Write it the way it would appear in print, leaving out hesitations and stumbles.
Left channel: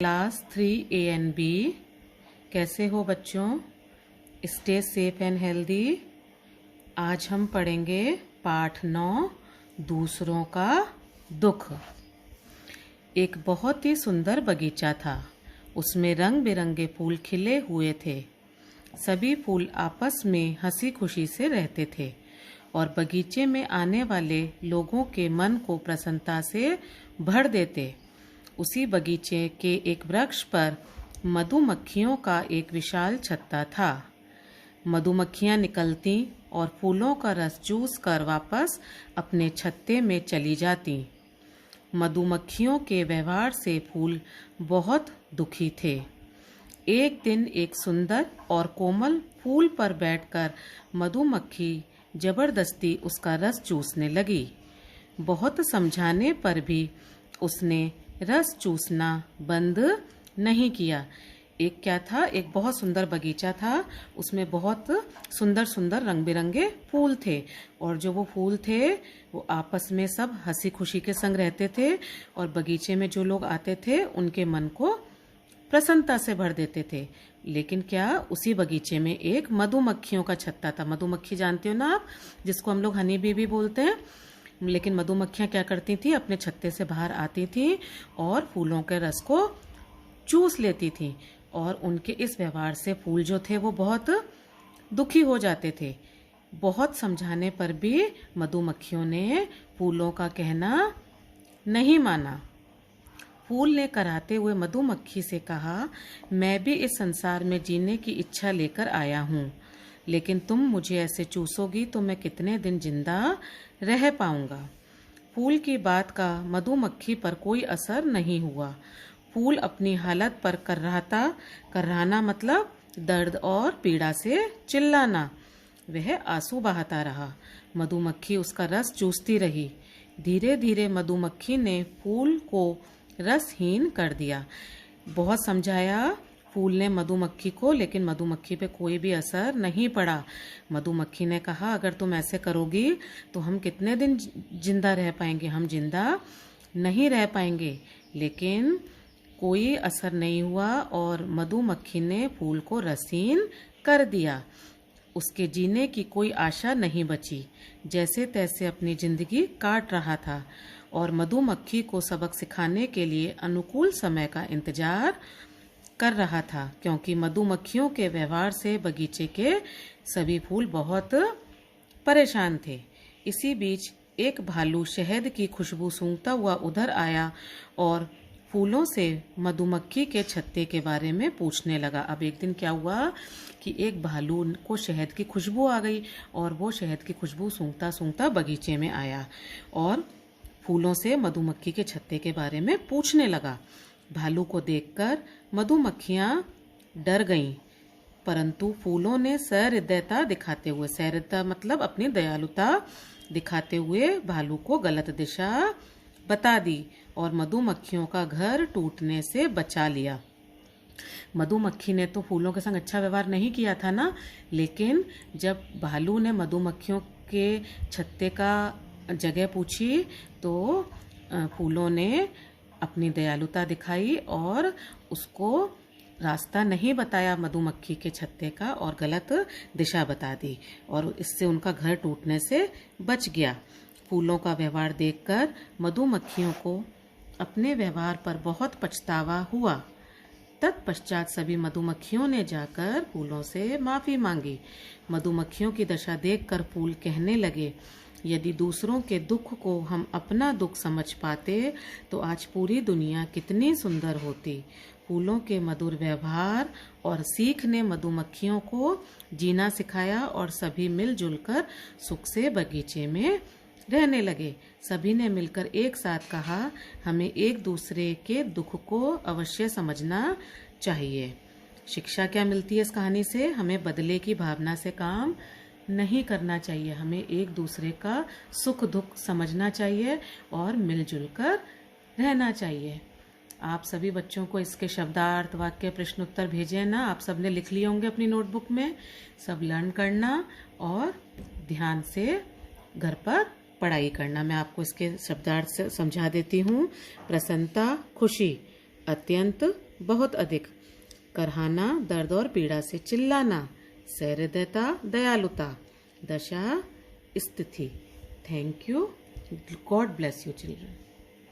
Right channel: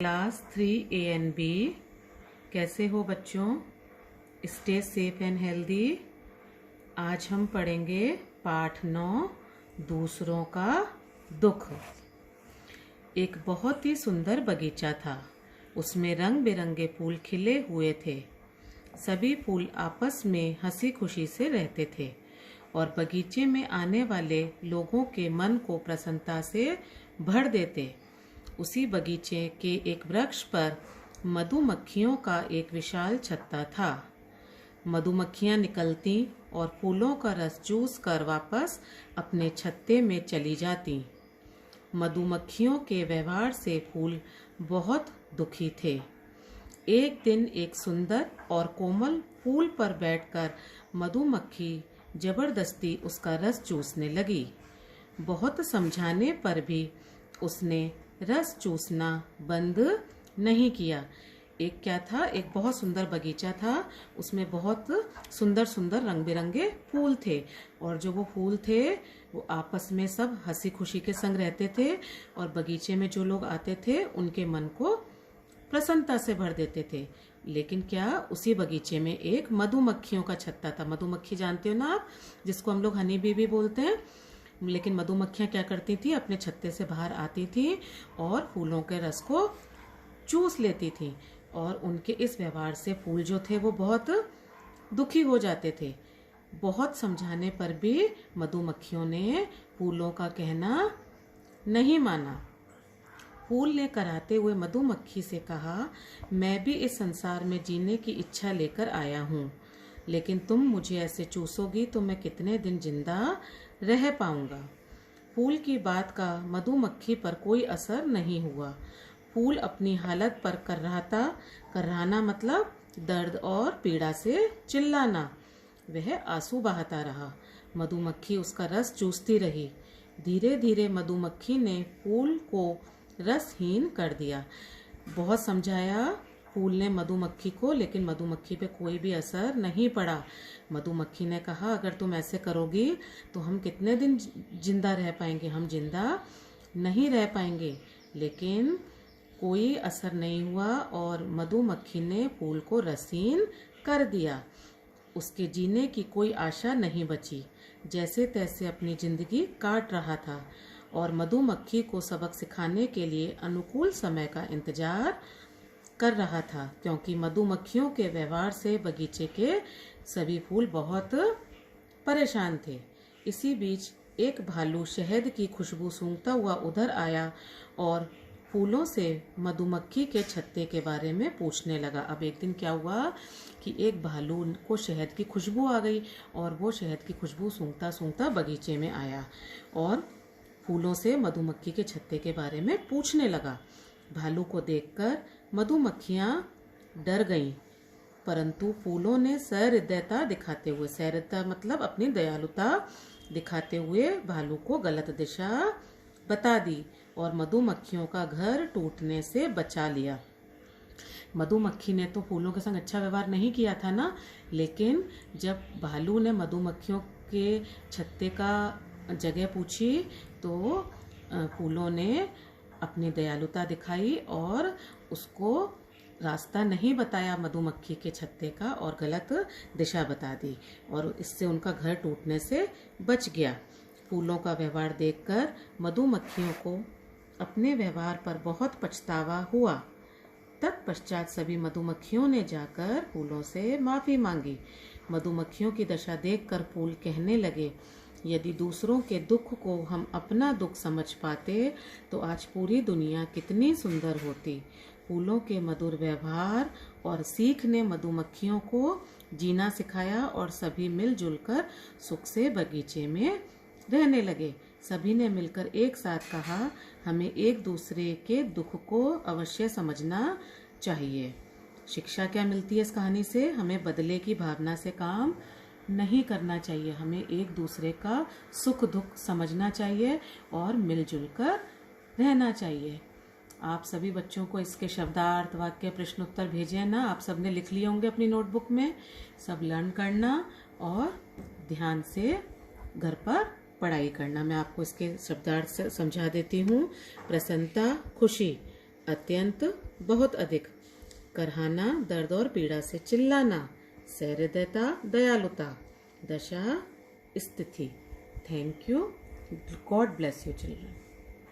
Class 3 A and B। कैसे हो बच्चों? Stay safe and healthy. आज हम पढ़ेंगे पाठ 9 दूसरों का दुख। एक बहुत ही सुंदर बगीचा था। उसमें रंग बिरंगे फूल खिले हुए थे। सभी फूल आपस में हंसी खुशी से रहते थे और बगीचे में आने वाले लोगों के मन को प्रसन्नता से भर देते। उसी बगीचे के एक वृक्ष पर मधुमक्खियों का एक विशाल छत्ता था। मधुमक्खियां निकलती और फूलों का रस चूस कर वापस अपने छत्ते में चली जाती। मधुमक्खियों के व्यवहार से फूल बहुत दुखी थे। एक दिन एक सुंदर और कोमल फूल पर बैठकर मधुमक्खी जबरदस्ती उसका रस चूसने लगी। बहुत समझाने पर भी उसने रस चूसना बंद नहीं किया। एक क्या था, एक बहुत सुंदर बगीचा था। उसमें बहुत सुंदर सुंदर रंग बिरंगे फूल थे और जो वो फूल थे वो आपस में सब हंसी खुशी के संग रहते थे और बगीचे में जो लोग आते थे उनके मन को प्रसन्नता से भर देते थे। लेकिन क्या, उसी बगीचे में एक मधुमक्खियों का छत्ता था। मधुमक्खी जानते हो ना आप, जिसको हम लोग हनी बी भी बोलते हैं। लेकिन मधुमक्खियां क्या करती थी, अपने छत्ते से बाहर आती थी और फूलों के रस को चूस लेती थी और उनके इस व्यवहार से फूल जो थे वो बहुत दुखी हो जाते थे। बहुत समझाने पर भी मधुमक्खियों ने फूलों का कहना नहीं माना। फूल ने कराते हुए मधुमक्खी से कहा, मैं भी इस संसार में जीने की इच्छा लेकर आया हूँ, लेकिन तुम मुझे ऐसे चूसोगी तो मैं कितने दिन जिंदा रह पाऊंगा। फूल की बात का मधुमक्खी पर कोई असर नहीं हुआ। फूल अपनी हालत पर कराहना मतलब दर्द और पीड़ा से चिल्लाना। वह आंसू बहाता रहा। मधुमक्खी उसका रस चूसती रही। धीरे धीरे मधुमक्खी ने फूल को रसहीन कर दिया। बहुत समझाया फूल ने मधुमक्खी को, लेकिन मधुमक्खी पे कोई भी असर नहीं पड़ा। मधुमक्खी ने कहा, अगर तुम ऐसे करोगी तो हम कितने दिन जिंदा रह पाएंगे, हम जिंदा नहीं रह पाएंगे। लेकिन कोई असर नहीं हुआ और मधुमक्खी ने फूल को रसीन कर दिया। उसके जीने की कोई आशा नहीं बची। जैसे तैसे अपनी जिंदगी काट रहा था और मधुमक्खी को सबक सिखाने के लिए अनुकूल समय का इंतजार कर रहा था, क्योंकि मधुमक्खियों के व्यवहार से बगीचे के सभी फूल बहुत परेशान थे। इसी बीच एक भालू शहद की खुशबू सूंघता हुआ उधर आया और फूलों से मधुमक्खी के छत्ते के बारे में पूछने लगा। अब एक दिन क्या हुआ कि एक भालू को शहद की खुशबू आ गई और वो शहद की खुशबू सूंघता सूंघता बगीचे में आया और फूलों से मधुमक्खी के छत्ते के बारे में पूछने लगा। भालू को देखकर मधुमक्खियां डर गईं, परंतु फूलों ने सहृदयता दिखाते हुए, सहृदयता मतलब अपनी दयालुता दिखाते हुए भालू को गलत दिशा बता दी और मधुमक्खियों का घर टूटने से बचा लिया। मधुमक्खी ने तो फूलों के संग अच्छा व्यवहार नहीं किया था ना, लेकिन जब भालू ने मधुमक्खियों के छत्ते का जगह पूछी तो फूलों ने अपनी दयालुता दिखाई और उसको रास्ता नहीं बताया मधुमक्खी के छत्ते का और गलत दिशा बता दी और इससे उनका घर टूटने से बच गया। फूलों का व्यवहार देखकर मधुमक्खियों को अपने व्यवहार पर बहुत पछतावा हुआ। तत्पश्चात सभी मधुमक्खियों ने जाकर फूलों से माफ़ी मांगी। मधुमक्खियों की दशा देखकर फूल कहने लगे, यदि दूसरों के दुख को हम अपना दुख समझ पाते तो आज पूरी दुनिया कितनी सुंदर होती। फूलों के मधुर व्यवहार और सीख ने मधुमक्खियों को जीना सिखाया और सभी मिलजुल कर सुख से बगीचे में रहने लगे। सभी ने मिलकर एक साथ कहा, हमें एक दूसरे के दुख को अवश्य समझना चाहिए। शिक्षा क्या मिलती है इस कहानी से? हमें बदले की भावना से काम नहीं करना चाहिए। हमें एक दूसरे का सुख दुख समझना चाहिए और मिलजुल कर रहना चाहिए। आप सभी बच्चों को इसके शब्दार्थ, वाक्य, प्रश्न उत्तर भेजे ना। आप सब ने लिख लिए होंगे अपनी नोटबुक में। सब लर्न करना और ध्यान से घर पर पढ़ाई करना। मैं आपको इसके शब्दार्थ से समझा देती हूँ। प्रसन्नता, खुशी, अत्यंत बहुत अधिक, करहाना दर्द और पीड़ा से चिल्लाना, सहृदयता दयालुता, दशा स्थिति। Thank you. God bless you children.